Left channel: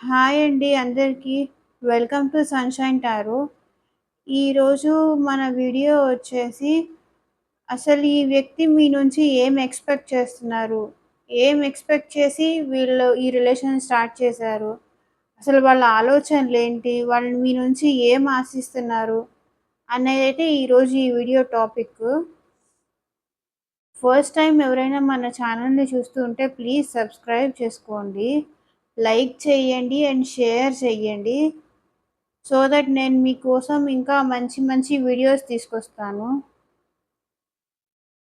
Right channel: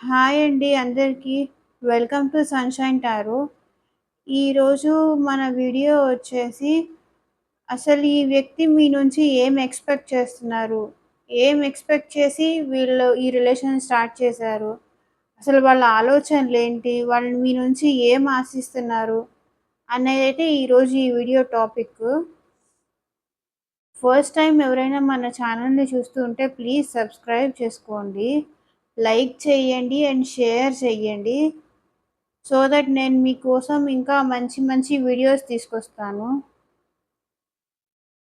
Hi అండి అందరికీ. Welcome to sunshine tarot. ఈరోజు మన వీడియో వచ్చేసి అసలు ఈ వ్యక్తి మీ నుంచి ఏం ఎక్స్‌పెక్ట్ చేస్తున్నారు? ఏం ఎక్స్‌పెక్ట్ చేసి వీళ్ళు ఈ రిలేషన్ స్టార్ట్ చేశారు? అసలు వాళ్ళ ఆలోచనలేంటి? వాళ్ళు మీ నుంచి ఏం ఆశిస్తున్నారు? అనేదైతే ఈరోజు ఈ వీడియో టాపిక్కు. ఫస్ట్ టైం ఎవరైనా మన ఛానల్‌ని చూస్తూ ఉంటే ప్లీజ్ సబ్స్క్రైబ్ చేసుకోండి. లైక్ చేయండి అండ్ షేర్ చేయండి. సో దట్ నేను మీకోసం ఇంకా మంచి మంచి వీడియోస్ తీసుకొస్తాను.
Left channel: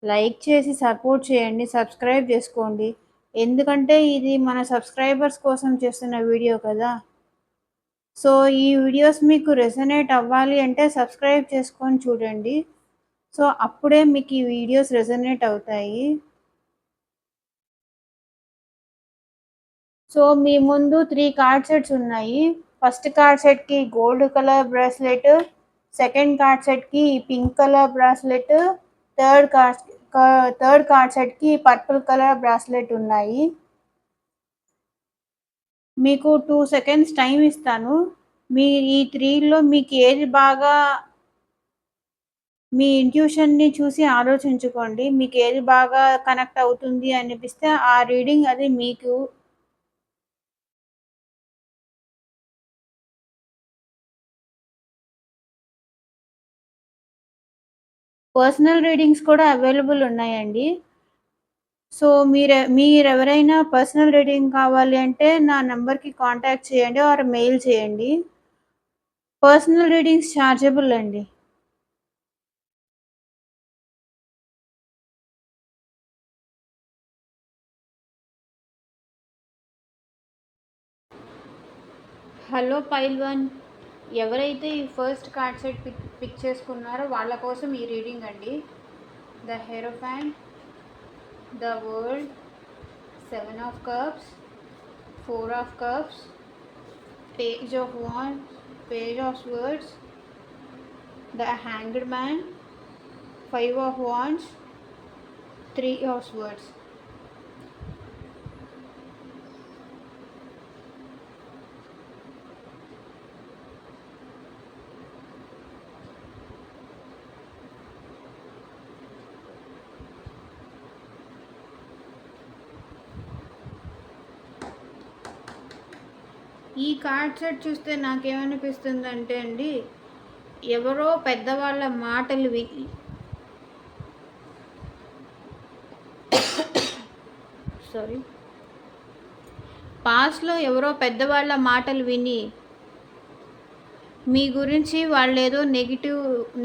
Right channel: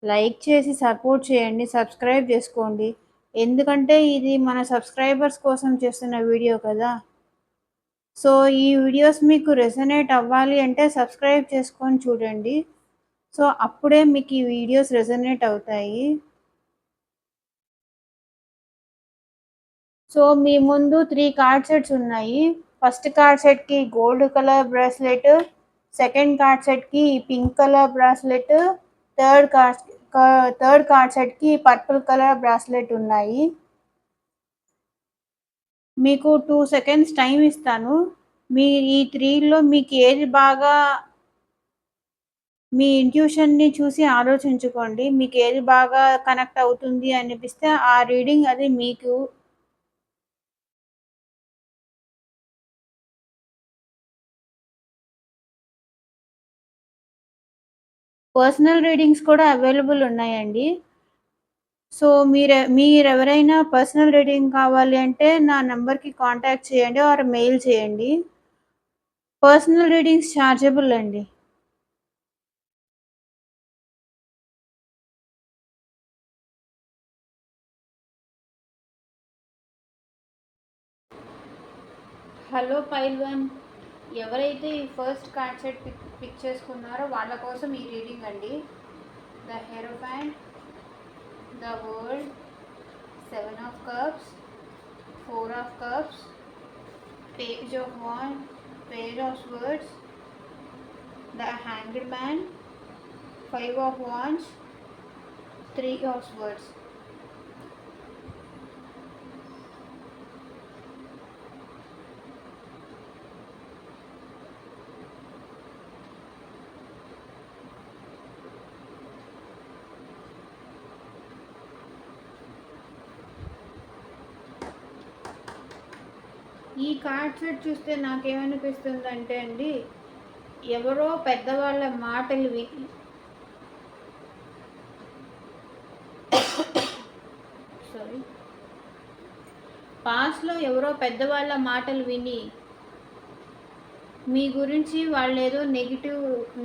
లైక్ చేసి సపోర్ట్ చేయండి. సబ్స్క్రైబ్ చేసుకోండి. ఎందుకంటే ఇది మన సబ్స్క్రైబర్స్ కోసం చేస్తున్న వీడియో కదా! సో ఈ వీడియోస్ మీకు రెసొనేట్ అవ్వాలి అంటే సబ్స్క్రైబ్ చేసుకొని చూడండి. సో అప్పుడే మీకు ఈ వీడియోస్ రెసొనేట్ అవుతాయి. సో మీ ముందు 3 కార్డ్ సెట్స్ ఉన్నాయి. ఫస్ట్ కార్డ్ సెట్‌కి gold colour bracelet, second card సెట్‌కి pink colour bracelet, third card third card సెట్‌కి పర్పుల్ కలర్ బ్రాస్లెట్ ఉన్నాయి. మీకు 2 సెకండ్స్ టైం ఇస్తాను. మీ ఈ 3లో మీకు ఏది బాగా మీ ఇంట్యూషన్‌ని చూసి ఆలోచించుకోండి. మీకు ఏది బాగా కనెక్ట్ అవుతుంది అనిపిస్తే ఆ రీడింగ్ అది మీకు. పర్సనల్ రీడింగ్స్ కూడా అవైలబుల్ ఉన్నాయండి. సో మీరెవరైనా పర్సనల్ రీడింగ్ కావాలి అంటే నా నంబర్‌కి కాంటాక్ట్ చేయండి ఆర్ మెయిల్ చేయండి. పర్సనల్ రీడింగ్స్ చార్జబుల్ అండి. హలో పైల్వాన్. ఎవరైతే ఈ ఫస్ట్ కార్డ్ సెట్ పిక్ చేసుకున్నారో వాళ్ళ కోసం ఈ రీడింగ్ అండి. The hierophant, the world, 7 of cups, 4 of cups, page of wands, page of swords, the hanged man, 5 of wands, 3 of swords. ఈ కార్డ్ సెట్ చూస్తే నాకేమనిపిస్తుందంటే అండి, ఎవరో పెద్దవాళ్ళ మాటలు విని పాస్ట్లో ఎవరో పెద్దవాళ్ళ మాటలు విని మీ గురించి వాళ్ళేదో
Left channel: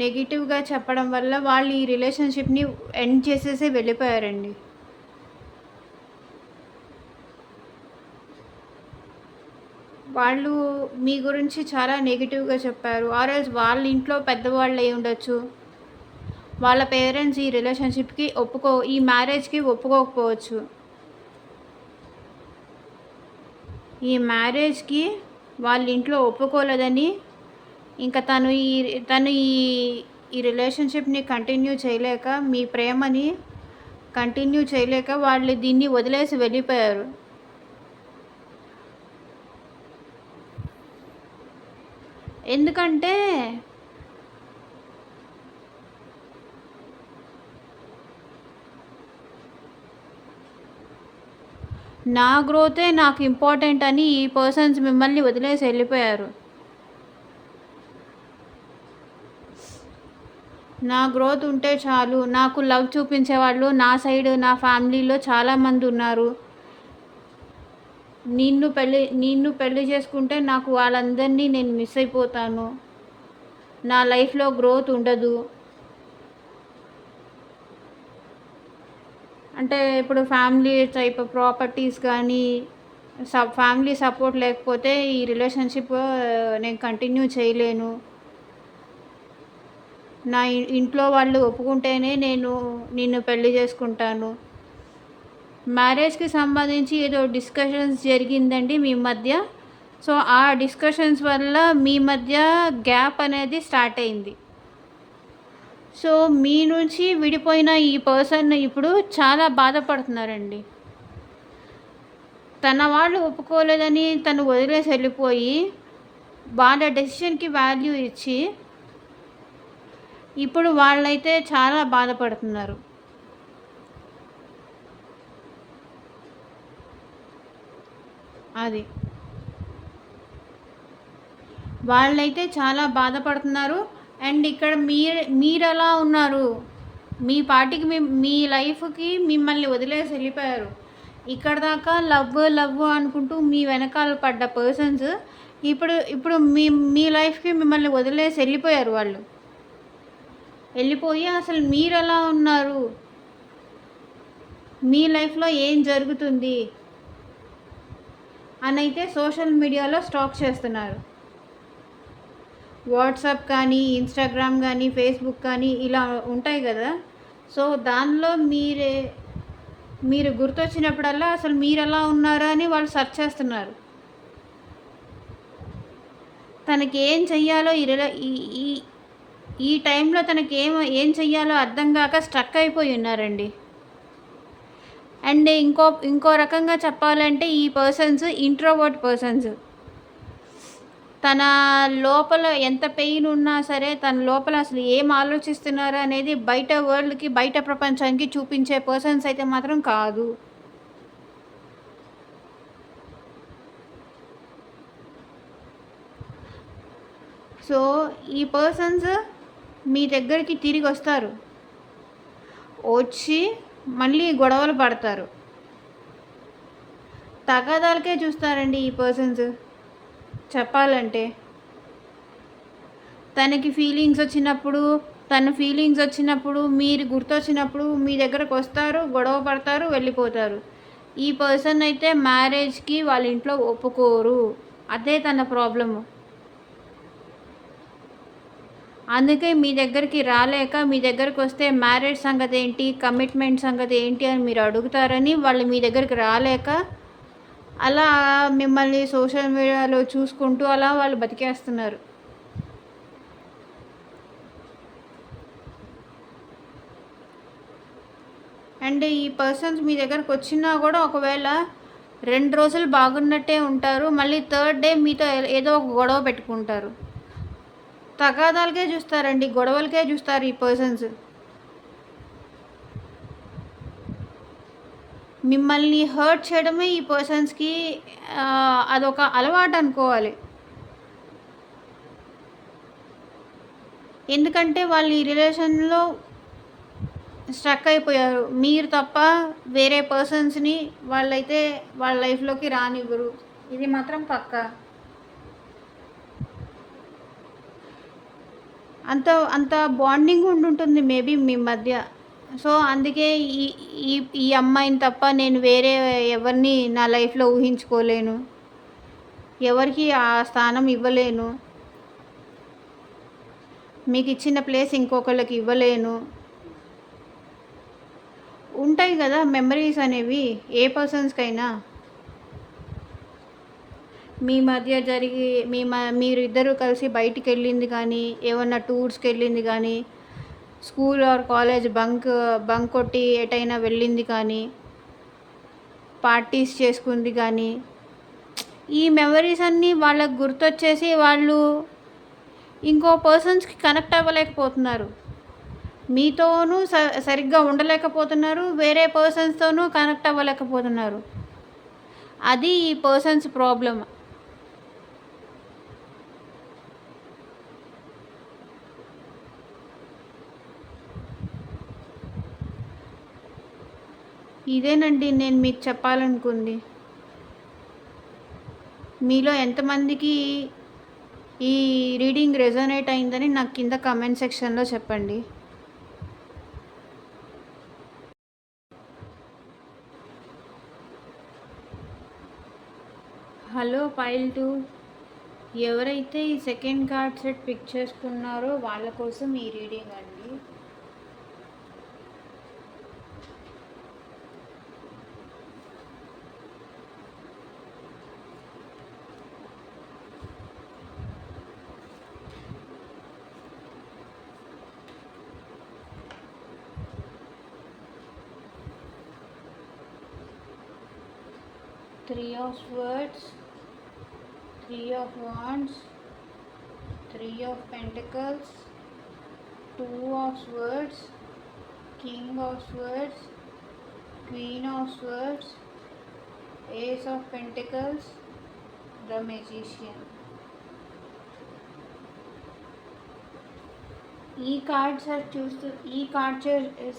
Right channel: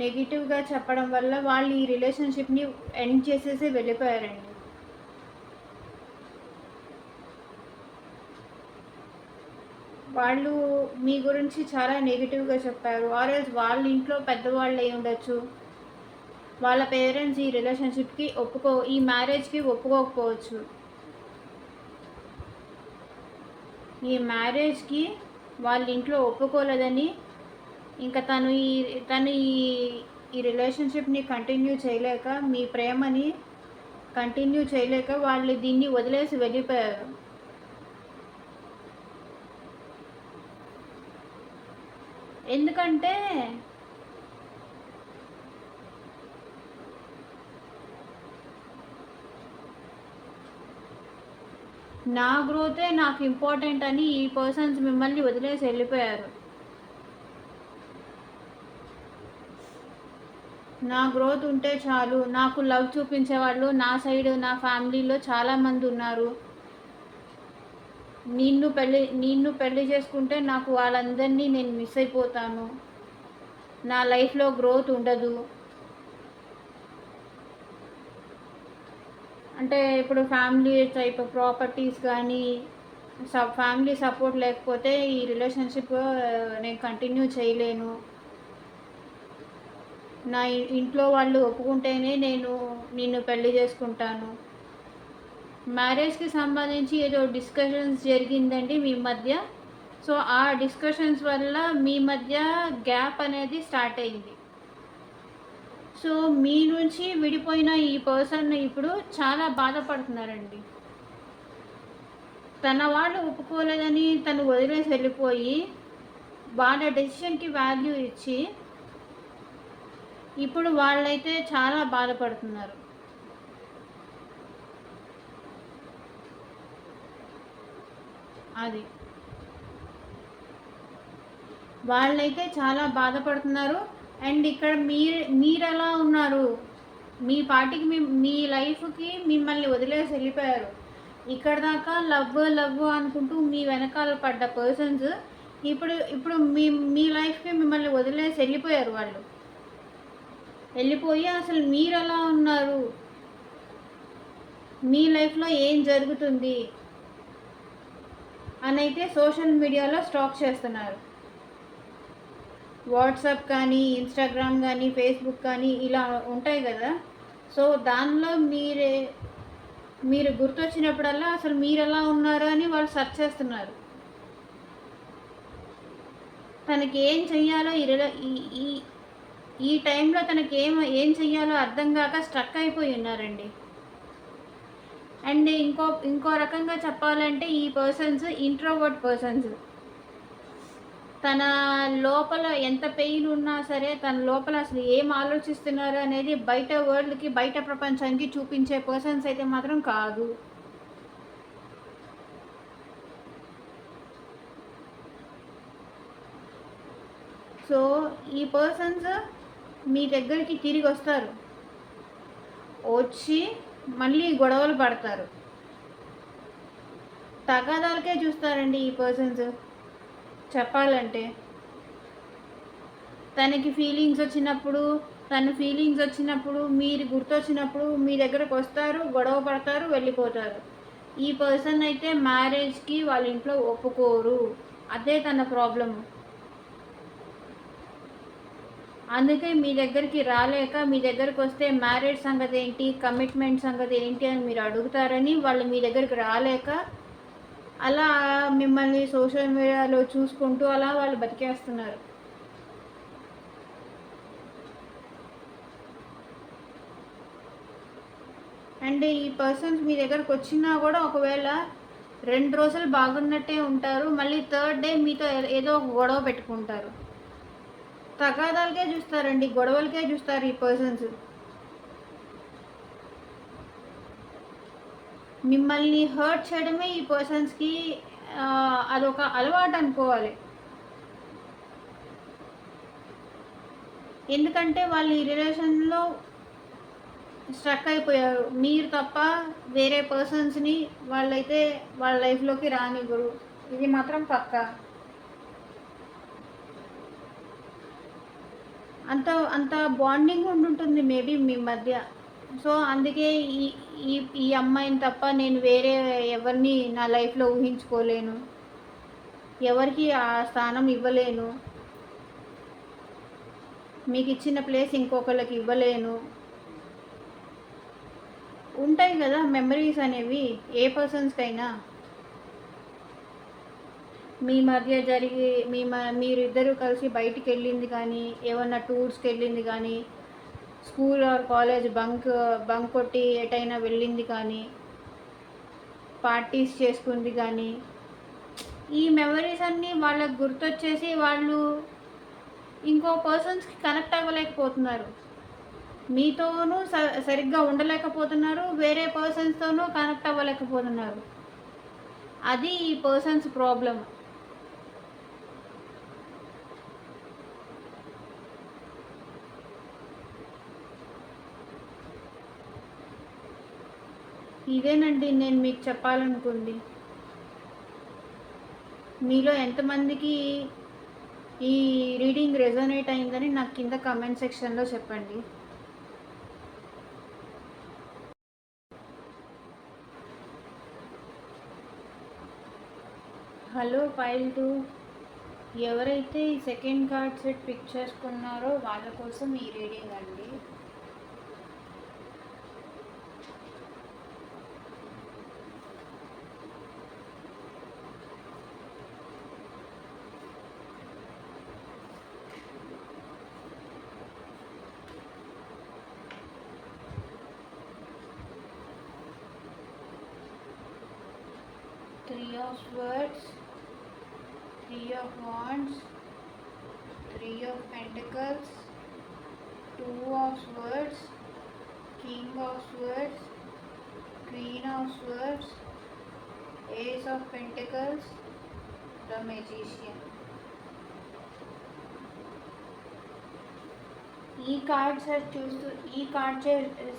నెగిటివ్గా చెప్పడం వల్ల వాళ్ళు ఈ రిలేషన్షిప్ని ఎండ్ చేసేసి వెళ్ళిపోయారండి. వాళ్ళు మీ గురించి చాలా నెగిటివ్గా చెప్పారు. ఆర్ఎల్స్ వాళ్ళ ఇంట్లో పెద్దవాళ్ళు అయి ఉండొచ్చు. వాళ్ళ పేరెంట్స్ ఈ రిలేషన్షిప్కి ఈ మ్యారేజ్కి ఒప్పుకోకపోవచ్చు. ఈ మ్యారేజ్కి వాళ్ళ ఇంట్లో ఒప్పుకోలేదని ఇంకా తను ఈ రిలేషన్షిప్ని కంటిన్యూ చేయలేక, మీ ప్రేమని కంటిన్యూ చేయలేక వాళ్ళు దీన్ని వదిలేసి వెళ్ళిపోయారు. ఎందుకంటే నా గ్రోతే నాకు ఇంపార్టెంట్ అని ఈ పర్సన్స్ మిమ్మల్ని వదిలేసి వెళ్ళిపోయారు. నా గ్రోత్ ఉంటే చాలు, నాకు లవ్ చూపించేవాళ్ళు నా సైడ్ నా ఫ్యామిలీలో చాలామంది ఉన్నారు. నిన్ను పెళ్ళి చేసుకుంటే నాకు వాళ్ళందరినీ నేను మిస్ అయిపోతాను. నా లైఫ్లో గ్రోత్ ఉండదు. అంటే ఇప్పుడు ఫ్యామిలీ టైప్ ప్రాపర్టీస్ కానీ ఫ్యామిలీ సపోర్ట్ లేకపోతే ఈ రిలేషన్షిప్ నేను కంటిన్యూ చేయలేను. నా ఇంట్లో వాళ్ళు ఒప్పుకుంటేనే నేను నిన్ను పెళ్లి చేసుకుంటాను. మ్యారేజ్కి సంబంధించి ఏదో డిస్కషన్స్ జరిగిందండి మీ మధ్య. సో ఆ డిస్కషన్స్ వల్ల మీ మధ్య గ్యాప్ అనేది స్టార్ట్ అయింది. సో మీ నుంచి విడిపోయిన ఈ పర్సన్ ఇప్పుడు చాలా బాధపడుతున్నారండి. తన వాళ్ళు ఒప్పుకోలేదని తను వదిలేసి వెళ్ళిపోయి వాళ్ళ డెసిషన్కి వాల్యూ ఇచ్చి ఇప్పుడు వాళ్ళైతే చాలా బాధపడుతున్నారు. అది వాళ్ళైతే చాలా బాధపడుతున్నారు. అండ్ ఇక్కడ మీరు ఎలా ఉన్నారు, మీ పార్టీకి మీ లైఫ్కి మిమ్మల్ని వదిలేసి వెళ్ళిపోయారు. ఇక్కడ దాకా లవ్ లవ్ అనుకుంటూ మీ వెనకాల పడ్డ పర్సన్స్ ఇప్పుడు ఇప్పుడు మీ లైఫ్కి మిమ్మల్ని వదిలేసి వెళ్ళిపోయారు. వాళ్ళు వెళ్ళిపోయి అసలు మీరు ఎలా ఉన్నారు, మీ లైఫ్లో ఏం జరుగుతుంది అని అయితే సోషల్ మీడియాలో స్టాక్ చేస్తున్నారు. వాట్సాప్ కానీ, ఇన్స్టాగ్రామ్ కానీ, ఫేస్బుక్ కానీ ఇలా ఉంటాయి కదా. సో దానిలో మీరు గుర్తొచ్చినప్పుడల్లా అసలు మీరు ఎలా ఉన్నారా అని వాళ్ళు సెర్చ్ చేస్తున్నారు. తనకి ఏం చెయ్యాలో ఈ టైంలో తనకి ఏం చెయ్యాలో అర్థం కాక స్ట్రక్ అయిపోయి ఉన్నారండి. అండ్ ఇంకో రకంగా చెప్పాలంటే ఈ పర్సన్స్ ఇంట్రోవర్ట్ పర్సన్స్. తన లోపల ఎంత పెయిన్ ఉన్నా సరే తన లోపల అసలు ఏం ఆలోచిస్తున్నారు అనేది బయట వరల్డ్కి, బయట ప్రపంచానికి చూపించే పర్సన్స్ అయితే మాత్రం కాదు. సో ఈ పర్సన్స్ మీ దగ్గరికి తిరిగి వస్తారు, వచ్చి మళ్ళీ గొడవలు పడతారు. తగాదాలకే చూస్తారండి ఈ పర్సన్స్. చెప్పాలంటే తన ఫీలింగ్స్ వచ్చినప్పుడు మీరు గుర్తొచ్చినప్పుడు మీ దగ్గరకు వస్తారు, గొడవ పడతారు, వెళ్ళిపోతారు. ఈ పర్సన్ అయితే మ్యారేజ్కి వాళ్ళ ఇంట్లో ఒప్పుకోరు. అదే తన ప్రాబ్లము. అందుకే మీ దగ్గరికి రాలేక మీ దగ్గరకు వస్తే మ్యారేజ్ సంగతి ఏంటి, కమిట్మెంట్ సంగతి ఏంటి అని మీరు అడుగుతారని వాళ్ళు మీ దగ్గరికి రాలేక అలా మిమ్మల్ని సోషల్ మీడియాలో చూసుకుంటూ అలా వాళ్ళు బతికేస్తున్నారు. అండ్ ఈ పర్సన్స్ మీ దగ్గరకు వచ్చినా కూడా ఒకవేళ 2 రోజులు బాగున్నట్టే ఉంటారు, మళ్ళీ 3rd డే మీతో ఏదో ఒక గొడవ పెట్టుకుంటారు. తగాదాలకే చూస్తారండి, గొడవలకే చూస్తారు ఈ పర్సన్స్. మిమ్మల్ని హర్ట్ చేయడమే ఈ పర్సన్స్కి అదొక అలవాటు అనుకోవాలి. ఎందుకంటే వాళ్ళు ఈ రిలేషన్లో స్ట్రక్ అయిపోయారు. మీరు తప్ప వేరే పర్సన్స్ని వాళ్ళైతే వాళ్ళ లైఫ్లోకి రానివ్వరు, ఇది మాత్రం పక్కా. అంత బాండింగ్ ఉండుంటుంది మేబీ మీ మధ్య. సో అందుకే ఈ అమ్మాయిని తప్ప నేను వేరే ఎవరిని నా లైఫ్లో ఊహించుకోలేను, ఎవరికి ఆ స్థానం ఇవ్వలేను, మీకు ఇచ్చిన ప్లేస్ ఇంకొకళ్ళకి ఇవ్వలేను. ఉంటాయి కదా మెమరీస్ అనేవి ఏ పర్సన్స్కైనా. మీ మధ్య జరిగి మీరు ఇద్దరు కలిసి బయటికి వెళ్ళింది కానీ, ఏమన్నా టూర్స్కి వెళ్ళింది కానీ, స్కూల్ ఆర్ కాలేజ్ బంక్ కొట్టి ఎటైనా వెళ్ళింది కానీ, పార్టీస్ చేసుకుంది కానీ, ఈ మెమరీస్ అన్నీ వాళ్ళకు గుర్తొచ్చేసి వాళ్ళు ఇంకో పర్సన్స్కి కనెక్ట్ అవ్వలేకపోతున్నారు. మీతోనూ సరిగ్గా ఉండలేకపోతున్నారు, వేరే పర్సన్స్తోనూ కనెక్ట్ అవ్వలేకపోతున్నారు. అది ఈ పర్సన్స్ ప్రాబ్లం. ఇదేనండి నేను మీకు చెప్పాలనుకుంది. మీలో ఎంతమందికి ఈ రీడింగ్ రెజోనేట్ అయిందని నాకు కింద కామెంట్ సెక్షన్లో చెప్పండి. హలో పైల్ 2, ఎవరైతే ఈ సెకండ్ కార్డ్ సెట్ పిక్ చేసుకున్నారో వాళ్ళ కోసం ఈ రీడింగ్ అండి. Three of Swords, Three of Wands, Three of Pentacles, Two of Swords, King of Swords, Queen of Swords, Ace of Pentacles, the Magician. ఈ కార్డ్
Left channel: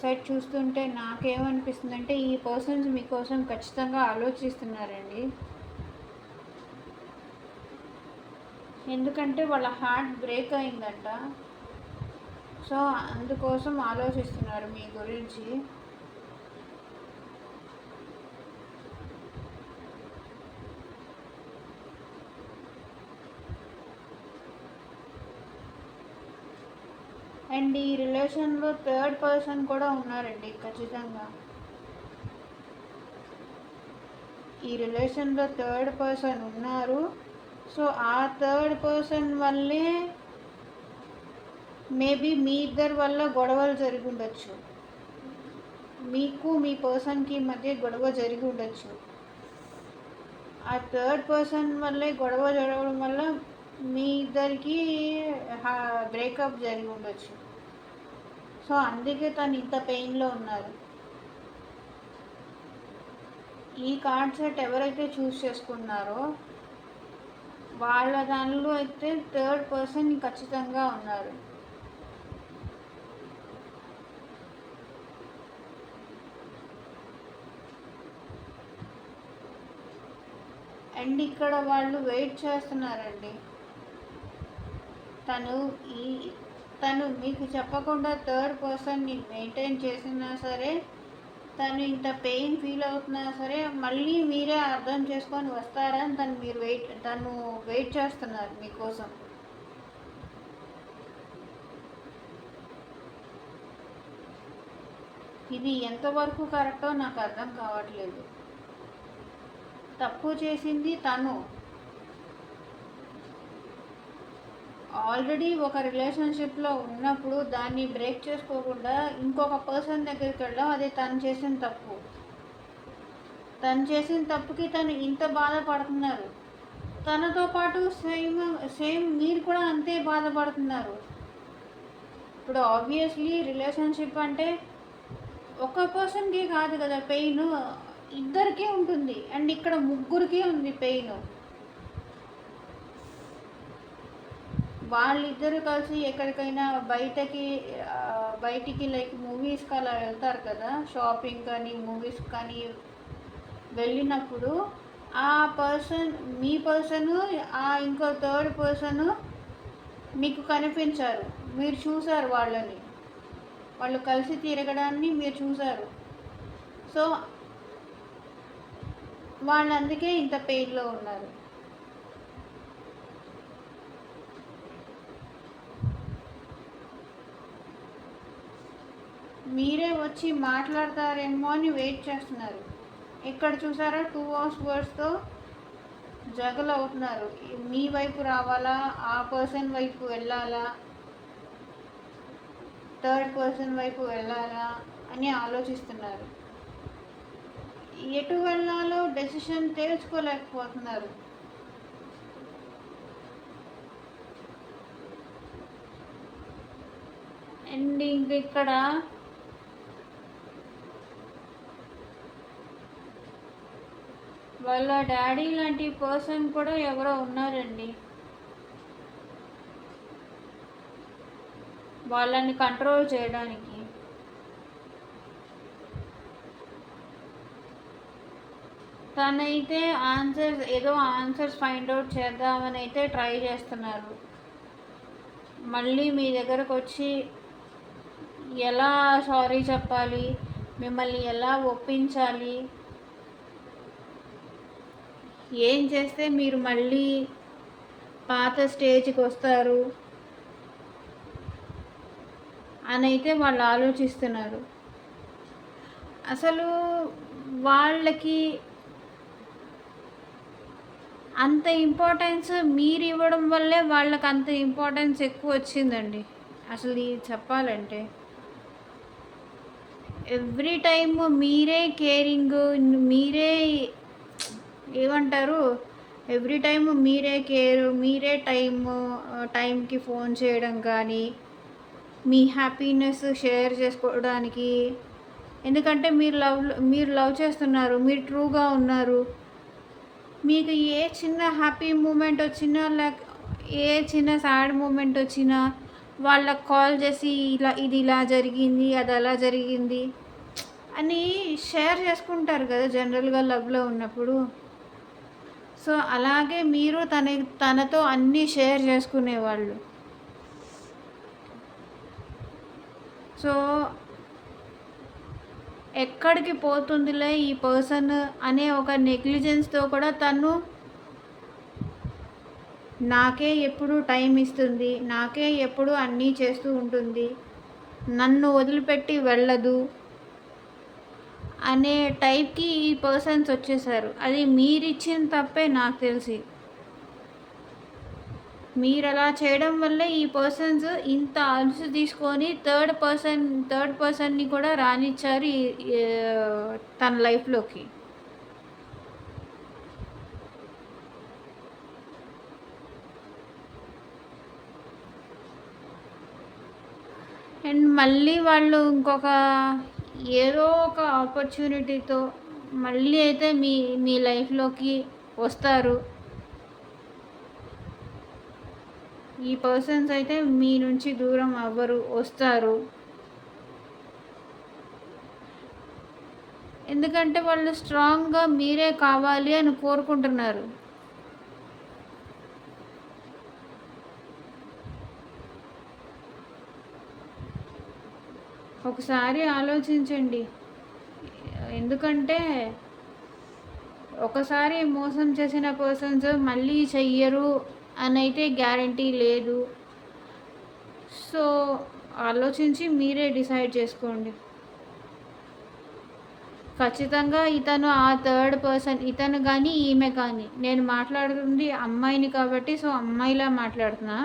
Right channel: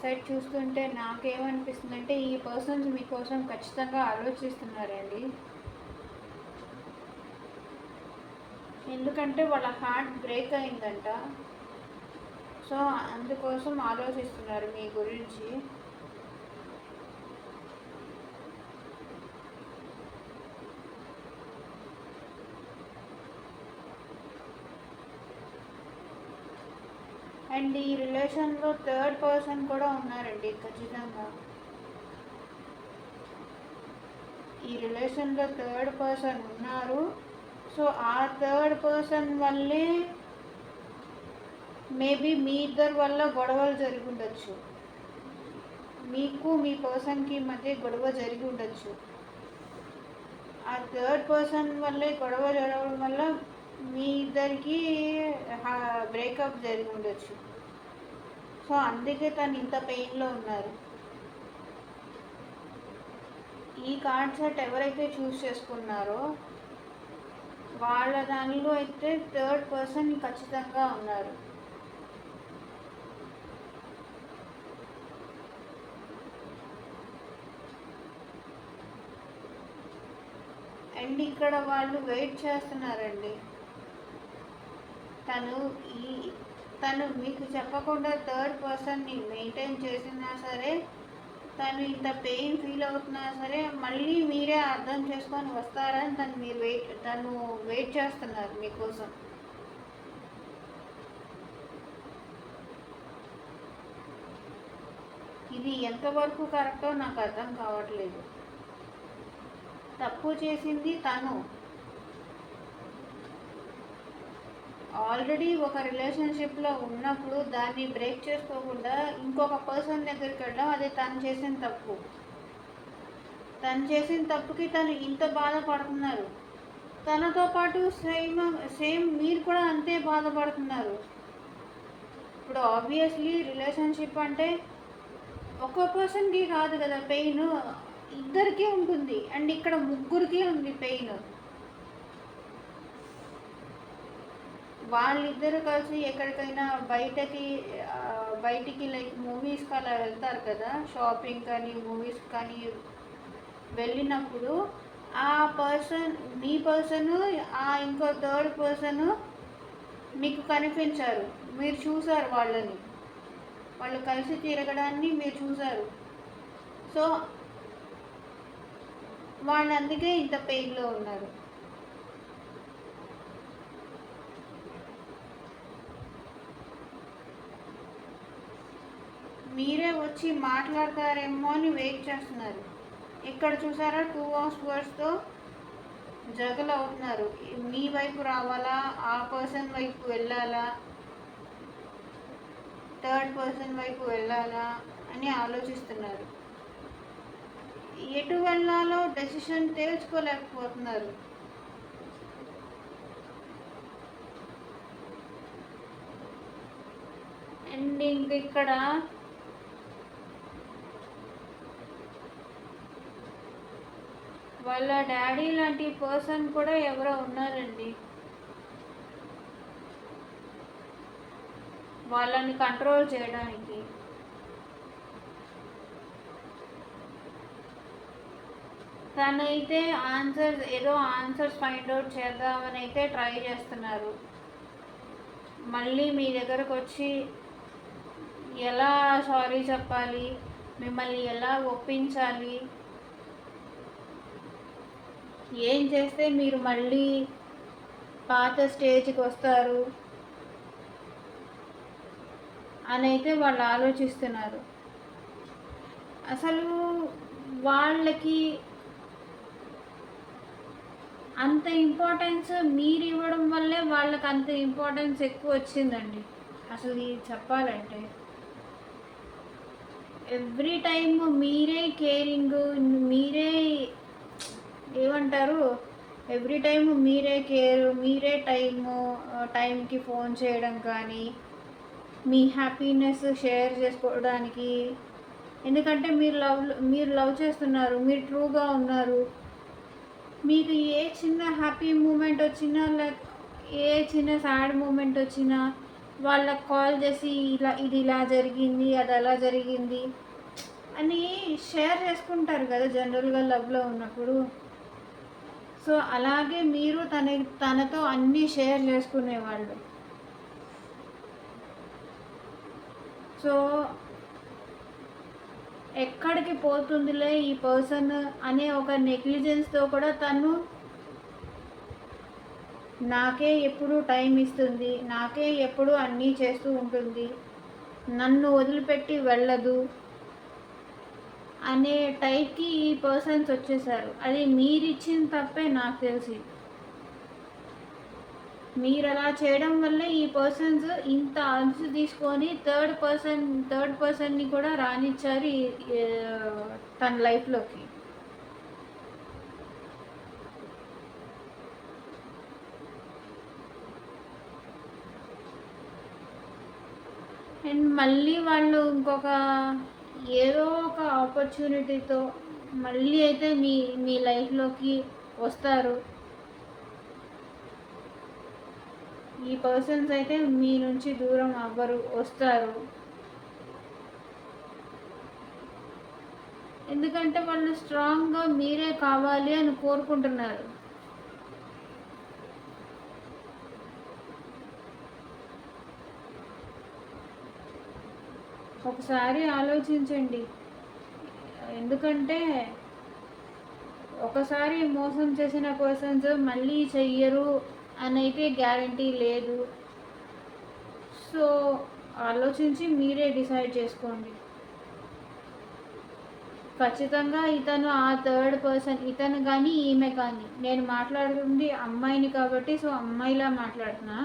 సెట్ చూస్తుంటే నాకేమనిపిస్తుందంటే ఈ పర్సన్స్ మీకోసం ఖచ్చితంగా ఆలోచిస్తున్నారండి. ఎందుకంటే వాళ్ళ హార్ట్ బ్రేక్ అయిందంట, సో అందుకోసం ఆలోచిస్తున్నారు మీ గురించి. అండ్ ఈ రిలేషన్లో థర్డ్ పర్సన్ కూడా ఉన్నారండి ఖచ్చితంగా. ఈ రిలేషన్లో థర్డ్ పర్సన్ ఉన్నారు. సో ఆ థర్డ్ పర్సన్ వల్లే మేబీ మీ ఇద్దరి వల్ల గొడవలు జరిగి ఉండొచ్చు, మీకు మీ పర్సన్కి మధ్య గొడవ జరిగి ఉండొచ్చు. ఆ థర్డ్ పర్సన్ వల్లే గొడవ జరగడం వల్ల మీ ఇద్దరికి బ్రేకప్ జరిగి ఉండొచ్చు. సో అందుకే తను ఇంత పెయిన్లో ఉన్నారు. ఈ కార్డ్ సెట్ ఎవరైతే చూస్ చేసుకున్నారో వాళ్ళ దానిలో అయితే థర్డ్ పర్సన్ ఖచ్చితంగా ఉన్నారు. అండ్ ఇక్కడ వాళ్ళు వెయిట్ చేస్తున్నారండి. తను మీకు చెప్పకుండా థర్డ్ పర్సన్ని మెయింటైన్ చేసినా సరే, తను ఇంత పెయిన్ ఫీల్ అవుతున్నా సరే మళ్ళీ మీరే అర్థం చేసుకొని వస్తారని తను వెయిట్ చేస్తున్నారు మీకోసం. ఇది ఎంతవరకు కరెక్టో నాకు అర్థం కావట్లేదు. తప్పు చేసింది తను. ఆల్రెడీ ఒక రిలేషన్షిప్లో ఉన్నప్పుడు దాన్ని బ్రేక్ చేసుకోకుండా ఇంకొక పర్సన్ దగ్గరికి వెళ్ళడం అది తను చేసిన తప్పు. తను చేసిన తప్పుకి తను ఇంత బాధపడుతున్నారు. తనతో పాటు సేమ్ మీరు కూడా అంతే బాధపడుతున్నారు. ఇప్పుడు ఆబ్వియస్లీ రిలేషన్షిప్ అంటే ఒక పర్సన్కి కాదు కదా పెయిన్, ఇద్దరికీ ఉంటుంది. అండ్ ఇక్కడ ముగ్గురికి ఉంది పెయిన్. వాళ్ళిద్దరు కలిసి ఎక్కడికైనా బయటికి లైక్ మూవీస్కి అలా వెళ్తారు కదా, షాపింగ్ కానీ మూవీస్ కానీ వెళ్ళినప్పుడు ఆ మీ పర్సను ఆ ఇంకో థర్డ్ పర్సను మీకు కనిపించారు, మీరు చూసారు వాళ్ళు కలిసి తిరగడాన్ని మీరు చూసారు. సో వాళ్ళు అందుకే ఇంత పెయిన్లో ఉన్నారు. మీరే వచ్చి మాట్లాడతారేమో అని వెయిట్ చేస్తున్నారు. ఇక్కడ చూసారా, 2 of Swordsతో జగల్ అవుతున్నారు. మీ వైపు రావాలా, ఆ పర్సన్ వైపు వెళ్ళాలా, థర్డ్ పర్సన్ వైపు వెళ్ళాలా అని ఆలోచిస్తున్నారు. ఎటు వెళ్ళాలో డెసిషన్ తెలుసుకోలేకపోతున్నారు. అండ్ ఇక్కడ వాళ్ళ డాడీ లాంటి పర్సన్ కూడా ఎవరో ఉన్నారండి. వాళ్ళని కంట్రోల్ చేయడానికి. తనైతే ఆన్సర్స్ ఫైండ్ అవుట్ చేద్దామని అయితే ట్రై చేస్తున్నారు. మళ్ళీ మీ దగ్గరకు వచ్చి ఎలా సారీ చెప్పాలి, మిమ్మల్ని ఎలా ఒప్పించాలి, ఏం చేస్తే మీరు మళ్ళీ పాత స్టేజ్కి వస్తారు అని అయితే వాళ్ళు ఆలోచిస్తున్నారు. అసలు వాళ్ళకి అంత ఇంపార్టెన్స్ మీరు ఇవ్వడం వల్లే వాళ్ళకి అంత ఇంపార్టెన్స్ ఎక్కువ వచ్చిందండి. అసలు ఇది చెప్పాలంటే ఎవ్రీ టైమ్ మీరే కేరింగ్, మీరే ఏమంటారు, ఎవ్రీ టైం మీరే కేర్, మీరే టైంకి ఫోన్ చేయడం కానీ, మీ హ్యాపీనెస్ షేర్ చేసుకోవడానికి. ఎందుకంటే మీరు లవ్ చేస్తున్నారు, మీరు ట్రూగా ఉన్నారు. మీకు ఏ చిన్న హ్యాపీ మూమెంట్ వచ్చినా, లేక ఏ చిన్న సాడ్ మూమెంట్ వచ్చినా వాళ్ళకి కాల్ చేసి ఇది ఇలా జరిగింది, అది అలా జరిగింది అని షేర్ చేసుకుంటారు కదా జనరల్గా లవ్లో ఉన్నప్పుడు. సో అలాగే మీరు తనతో అన్నీ షేర్ చేసుకునేవాళ్ళు. సో ఎక్కడికి పోతుందిలే ఈ పర్సన్ అనే ఒక నెగ్లిజెన్స్తో కూడా తను నాకే ఎప్పుడు టైం ఇస్తుంది, నాకే ఎప్పుడు అన్నీ చేస్తూ ఉంటుంది, నన్ను వదిలిపెట్టి వెళ్ళదు అనే టైప్కి ఈ పర్సన్స్ వచ్చేసారు. అది మీరిచ్చిన తప్పే నాకు తెలిసి. మీరు అలా చేయడం వల్లే ఈ పర్సన్స్ ఇంత అలసు తీసుకొని థర్డ్ పర్సన్ని కూడా రానిచ్చారు తన లైఫ్లోకి. అండ్ మళ్ళీ వాళ్ళు ఇంకొక ఏదో ఒక ఆపర్చునిటీతో మళ్ళీ అయితే మీ లైఫ్లోకి వస్తారు. ఈ పర్సన్స్ అయితే మీ నుంచి దూరం అవ్వరు, వస్తారు. ఎందుకంటే వాళ్ళు స్ట్రాంగ్గా మీరే కావాలి అని కోరుకుంటున్నారు. ఒకసారి ఆలోచించండి. ఎందుకంటే ఒకసారి మోసం చేసిన పర్సన్స్ మళ్ళీ చెయ్యరు అని అయితే గ్యారంటీ లేదు. సో ఆలోచించి మీరే డిసైడ్ చేసుకోండి. ఖచ్చితంగా ఇతను ఆ థర్డ్ పర్సన్, ఇతను కానీ ఈమె కానీ, నేను మాట్లాడుతుంది అమ్మాయిని కాబట్టి సో అమ్మాయిలా మాట్లాడుతున్నా.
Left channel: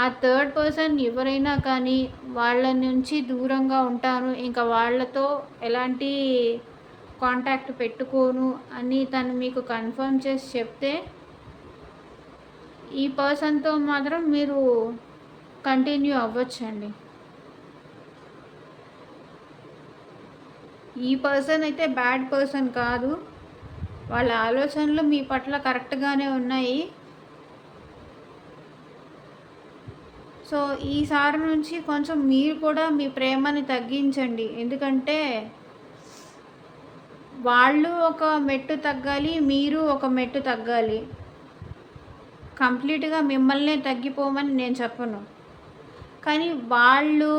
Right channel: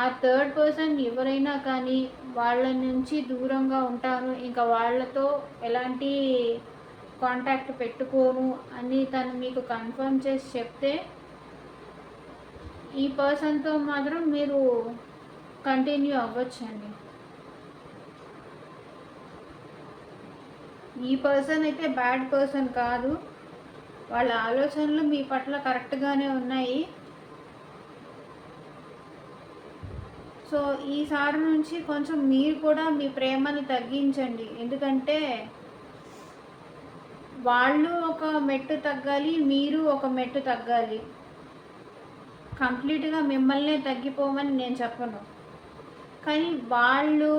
ఆ థర్డ్ పర్సన్ ఎవరైనా కానీ వాళ్ళ నుంచి దూరంగా ఉంటాను, ఇంకా వాళ్ళతో ఎలాంటి కాంటాక్ట్ పెట్టుకోను అని తను మీకు కన్ఫర్మ్ చేసి చెప్తే ఈ పర్సన్తో మాత్రం మీరు కంటిన్యూ అవ్వచ్చండి. ఈ పర్సన్ అయితే బ్యాడ్ పర్సన్ కాదు, వాళ్ళ ఆలోచనలు మీ పట్ల కరెక్ట్గానే ఉన్నాయి. సో ఈసారి నుంచి కొంచెం మీరు కూడా మీ ప్రేమని తగ్గించండి. ఎందుకంటే వాళ్ళు ఒక మెట్టు తగ్గాలి, మీరు ఒక మెట్టు తగ్గాలి. కంప్లీట్గా మిమ్మల్నే తగ్గిపోమని నేను చెప్పను, కానీ వాళ్ళు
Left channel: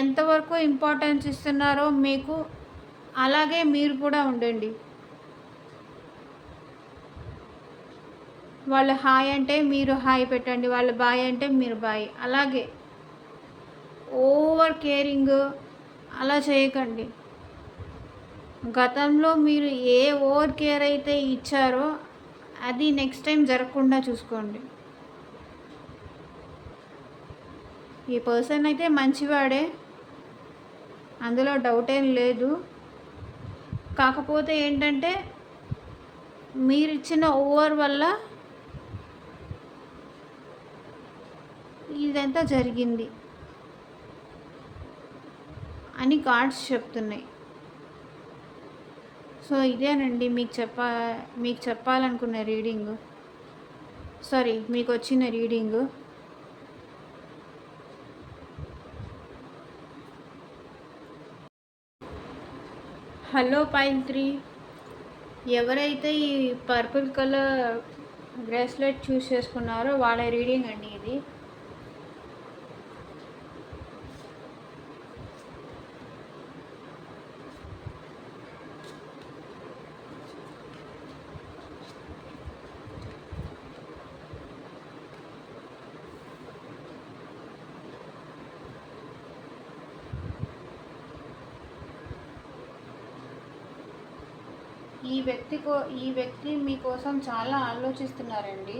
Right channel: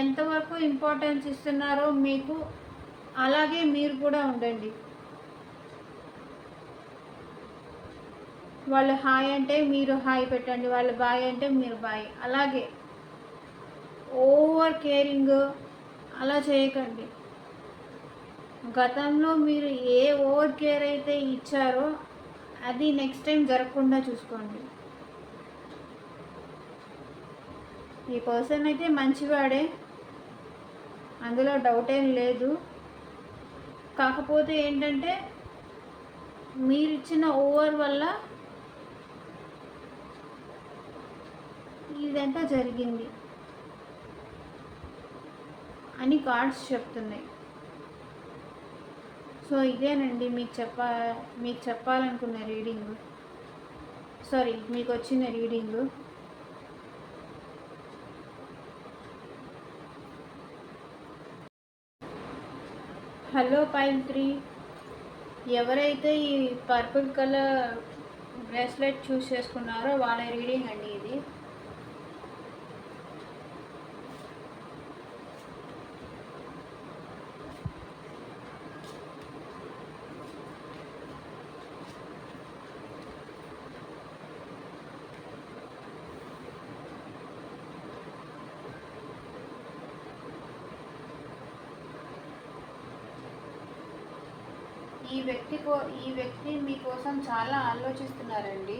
ఎంతవరకు ఇంపార్టెన్స్ ఇస్తున్నారో మీకు అలాగే మీరు కూడా ఉండండి. వాళ్ళు హాయ్ అంటే మీరు హాయ్ పెట్టండి, వాళ్ళు బాయ్ అంటే మీరు బాయ్. అలాగే ఓవర్ కేరింగ్ అలా చేయకండి. గతంలో మీరు ఏ ఓవర్ కేర్ అయితే ఇచ్చారో అది నెక్స్ట్ టైం జరగకుండా చూసుకోండి. ఈ పర్సన్ అయితే మంచివాడే, అందులో డౌట్ ఏం లేదు. కాకపోతే ఏంటంటే మీరు ఇచ్చిన ఓవర్ వల్ల ఇదంతా జరిగింది అని కార్డ్స్ చెప్తున్నాయి. సో ఇదేనండి మీకు చెప్పాలనుకున్న రీడింగ్, సారీ మీకు వచ్చిన రీడింగ్. హలో పైల్ 3, ఎవరైతే ఈ పర్పుల్ కలర్ బ్రేస్లెట్ చూస్ చేసుకున్నారో వాళ్ళ రీడింగ్ అండి ఇది. ఈ వ్యక్తి మీకోసం చాలా ఆలోచిస్తున్నారండి.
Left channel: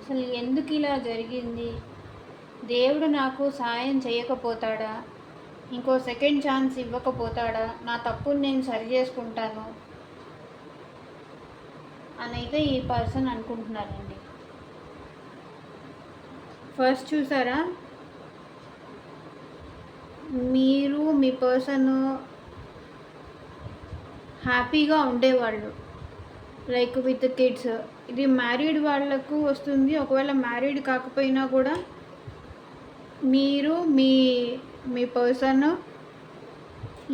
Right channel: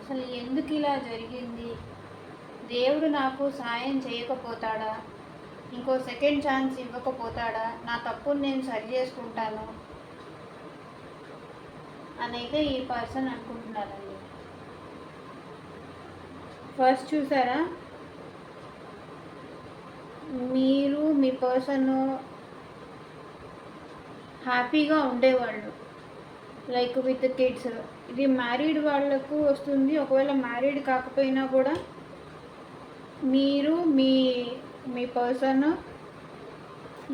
అసలు ఎందుకు ఇలా జరిగింది, దేవుడు నాకు సాయం చేయకపోతాడా, ఇంకో సెకండ్ ఛాన్స్ ఇవ్వకపోతాడా, నా తప్పుని నేను సరి చేసుకుంటాను అని అయితే ఈ పర్సన్ అనుకుంటున్నారండి. ఫస్ట్ చూసారా, మీరు మీ పర్సన్ హ్యాపీగా ఉండేవాళ్ళు, లైక్ విత్ కిడ్స్. ఇది మ్యారీడ్ వాళ్ళకు వస్తుంది. ఒకవేళ మ్యారీడ్ కాకపోయినా కూడా మీరు మీ మీ పర్సన్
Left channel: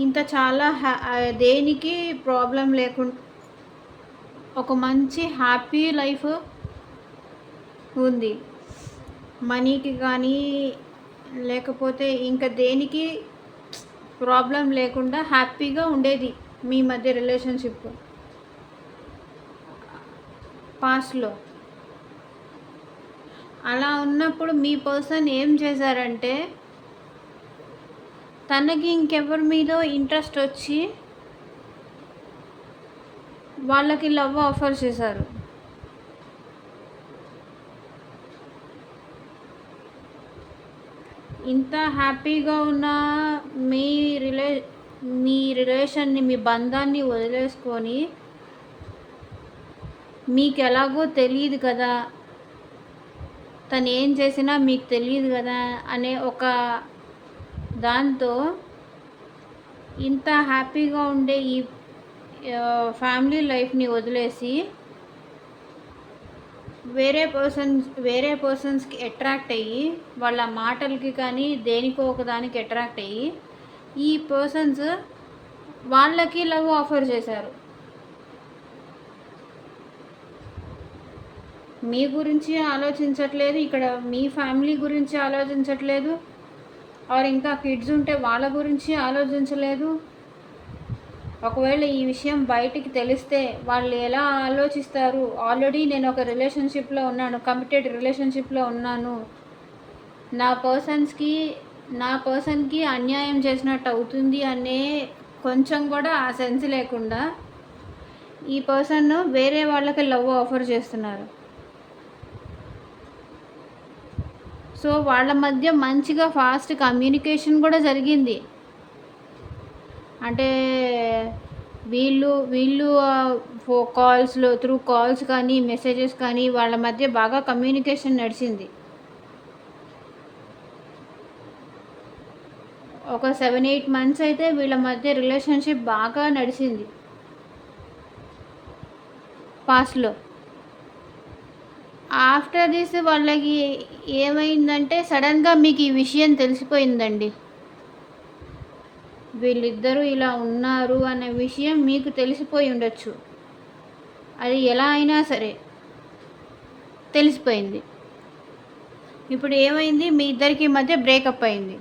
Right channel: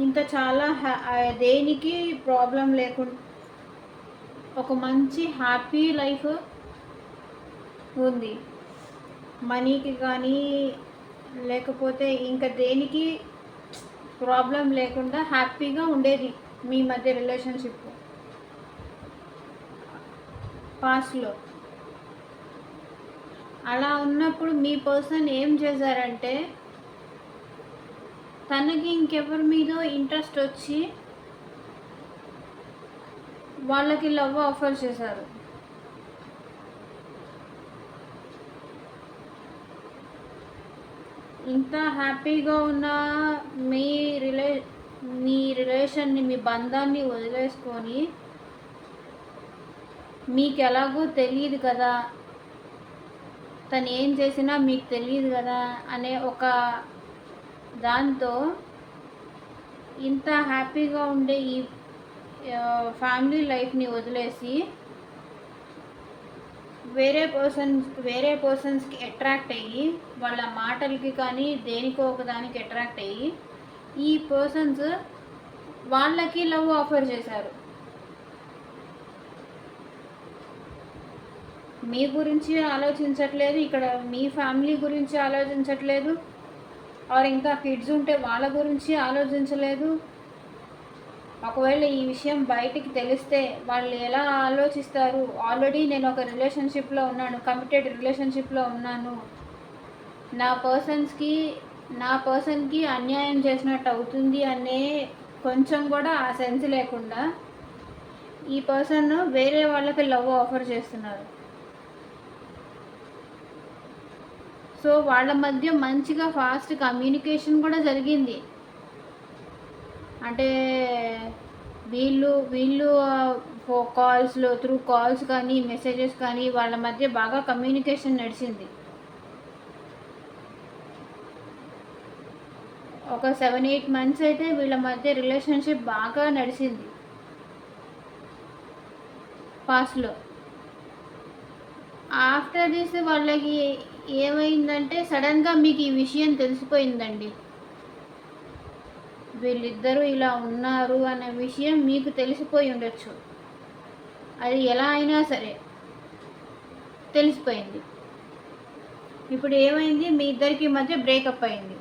ఇంత చాలా దేనికి ప్రాబ్లం లేకుండా ఒక మంచి హ్యాపీ లైఫ్ ఉంది. మనీకి కానీ లేకపోతే ఇంకా దేనికి ప్రాబ్లం లేకుండా హ్యాపీగా ఉండేది మీ మధ్య రిలేషన్షిప్ పాస్ట్లో. అలా ఉన్నప్పుడు మీ పర్సన్ ఏం చేశారంటే, తనకి ఇంకెవరి మీద ఇంట్రెస్ట్ వచ్చి వాళ్ళకి లవ్ ఆఫర్ చేశారు. ఇంత హ్యాపీగా ఉన్న మీ రిలేషన్ని, మీ బంధాన్ని వదిలేసుకొని, మీకు ఎలాగో తెలియదు కదా, తను ఏం చేసినా మీకు తెలియదు కదా అనే ఒక దాంతో ఇంత హ్యాపీగా ఉండే ఈ ఫ్యామిలీ లైఫ్ని వదిలేసి వేరే పర్సన్స్కి అట్రాక్ట్ అయ్యి, వాళ్ళ మాటలకి కానీ దేనికో ఒక దానికి అట్రాక్ట్ అయ్యి ఈ పర్సన్స్ వాళ్ళకి లవ్ ఆఫర్ చేశారు. మీ గురించి ఆలోచించట్లేదు, ఇక్కడ మీ ఫ్యామిలీ గురించి ఆలోచించట్లేదు, ఆర్ ఇంకా కిడ్స్ ఉంటే వాళ్ళ గురించి ఆలోచించలేదు. ఒకవేళ ఈ విషయం బయటికి తెలిస్తే వాళ్ళు ఎలా ఆలోచిస్తారు, ఆల్రెడీ నేను ఒక రిలేషన్షిప్లో ఉన్నాను, కమిటెడ్ రిలేషన్షిప్లో ఉన్నాను, నా పర్సన్కి అన్యాయం చేసినట్టు అవుతుంది అనే కొంచెం కూడా ఆ సెన్స్ లేకుండా ఈ పర్సన్ వేరే వాళ్ళకి లవ్ ఆఫర్ చేస్తున్నారు. సో వాళ్ళ మధ్య మంచిగా ఫాస్ట్ కమ్యూనికేషన్ కూడా జరిగింది. అంటే వీళ్ళు త్రూ కాల్స్ కానీ మెసేజెస్ కానీ వాళ్ళ మధ్య బాగా కమ్యూనికేషన్ నడిచింది. ఒక 7-8 months అయితే వీళ్ళ మధ్య రిలేషన్షిప్ బాగా నడిచింది పాస్ట్లో. ఆఫ్టర్ దిస్ వాళ్ళకి ఏమైందంటే సడన్గా మీకు ఈ విషయం తెలిసిపోయిందండి. వీళ్ళిద్దరూ ఇలా ఉన్నారు అనే విషయం మీకు తెలిసిపోయి ఉండొచ్చు. అది ఎలా అయినా సరే తెలిసిపోయింది. ఇప్పుడు ఏమైంది, మీ ఇద్దరికి మధ్య బ్రేకప్ అయింది.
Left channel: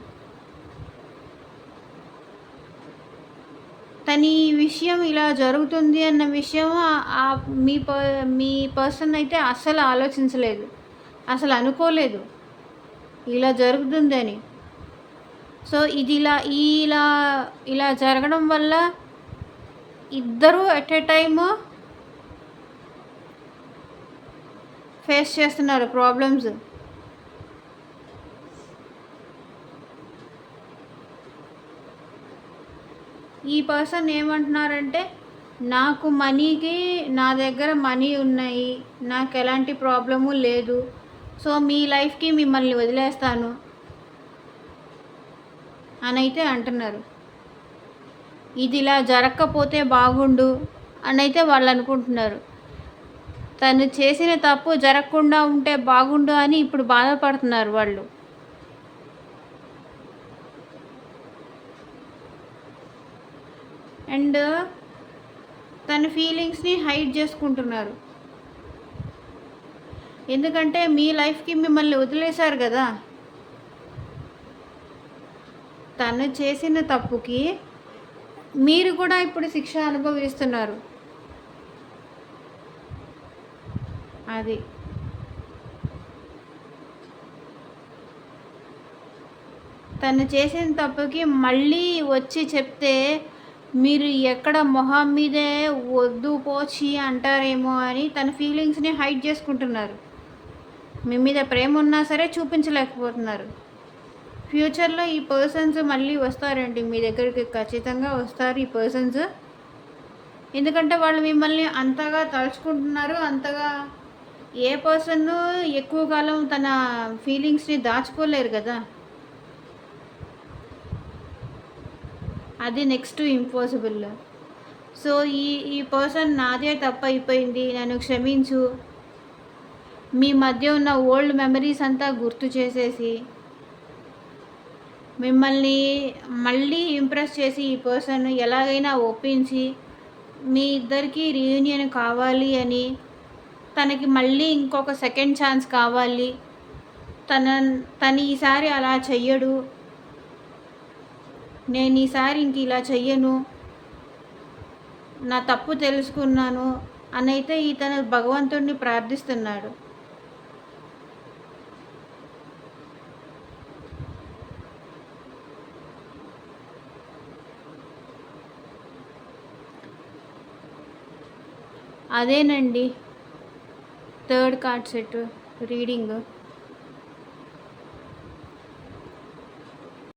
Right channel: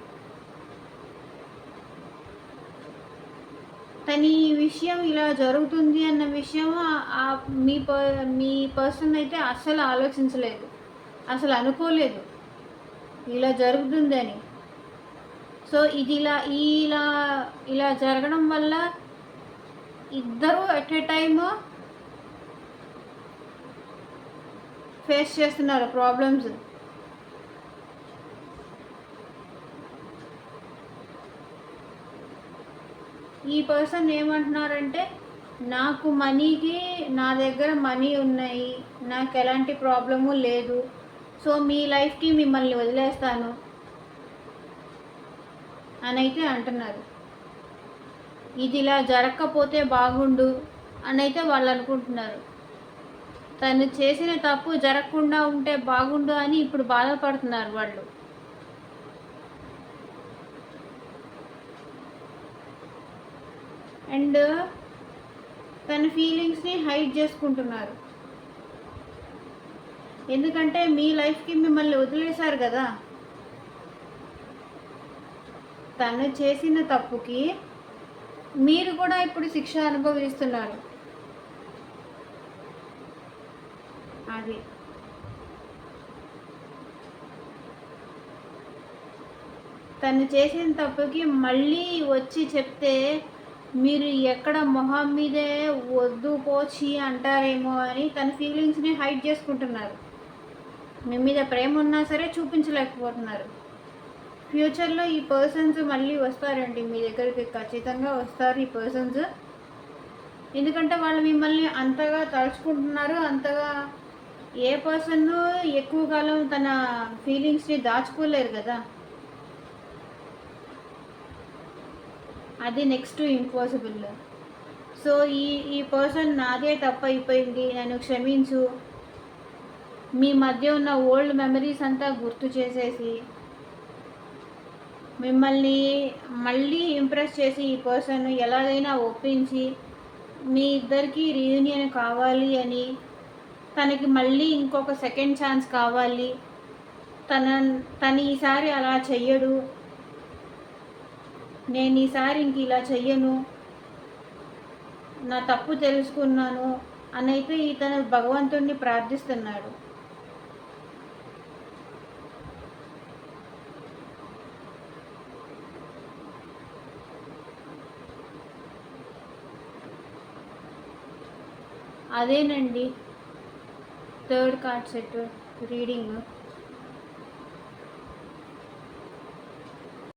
తను ఈ విషయం ఇలా జరుగుతుంది అన్న విషయం మీ పర్సన్ అయితే అస్సలు ఆలోచించలేదు, అసలు అనుకోలేదు ఇలా జరుగుతుందని. సో ఇది ఇలా జరగడం వల్ల ఇద్దరు ఎట్ ఏ టైమ్ ఫేస్ చేస్తున్నారు ప్రాబ్లమ్స్. ఈ పర్సన్ ఏమంటున్నారంటే, నాకు నా దగ్గర మనీ ఉన్నాయి, నాకు ఎలాంటి ప్రాబ్లము లేదు, సో మీ లైఫ్కి మిమ్మల్ని వదిలేస్తాను అని అయితే అంటున్నారు. ఇది ఇలా జరగకపోతే బాగుండు అని అయితే వాళ్ళు అనుకుంటున్నారు. తను చేసిన తప్పు జరగకుండా ఉంటే బాగుండు అని ఇప్పుడు బాధపడుతున్నారు వాళ్ళు. అండ్ తన ఫీలింగ్స్ని హైడ్ చేసుకుంటున్నారు. ఎందుకంటే మీ లైఫ్కి మిమ్మల్ని వదిలేశారు కదా. తను చేసిన తప్పుకి మీరు కూడా ఇప్పుడు శిక్ష అనుభవిస్తున్నారు. అది తను చేసిన తప్పుకి మళ్ళీ వచ్చి చెప్తే మీరు ఎక్కడ మొహం మీదే వద్దు పోచి అంటారేమో అని తన ఫీలింగ్స్ని హైడ్ చేసుకుంటున్నారు. మీ మీద ప్రేమ ఉన్నా సరే చూపించలేకపోతున్నారు. ఫ్యూచర్లో ఈ పర్సన్స్ మళ్ళీ వస్తారండి మీ దగ్గరికి, ఖచ్చితంగా వస్తారు ఈ పర్సన్స్. ఎందుకంటే వాళ్ళు మిమ్మల్ని అంతగా తలుచుకుంటున్నారు. అంతగా ఏ పర్సన్ ఎక్కువ కాలం తన ఫీలింగ్స్ని దాచుకోలేరు కదా. అది నెక్స్ట్ ఇంపాసిబుల్. సో ఈ పర్సన్ నాదే తప్పు అయిపోయింది, నన్ను క్షమించు, మీ మధ్య ఉన్న ఓల్డ్ మెమరీస్ అంతా గుర్తు చేసేసి మిమ్మల్ని మళ్ళీ ఇంప్రెస్ చేసి ఈ పర్సన్ ఎలాగైనా ఒప్పించి మీ ఇద్దరికి రీయూనియన్ కావాలి అని, తనకి మళ్ళీ ఇంకొక సెకండ్ ఛాన్స్ కావాలి, తను ఈసారి అలా చెయ్యడు, నేను ఈసారి ఇంక ఇలా చెయ్యను, నా తప్పు తెలుసుకున్నాను అని అయితే ఇతను భగవంతుడిని ప్రార్థిస్తున్నాడు. అదేనండి థర్డ్ కార్డ్ సెట్ రీడింగ్.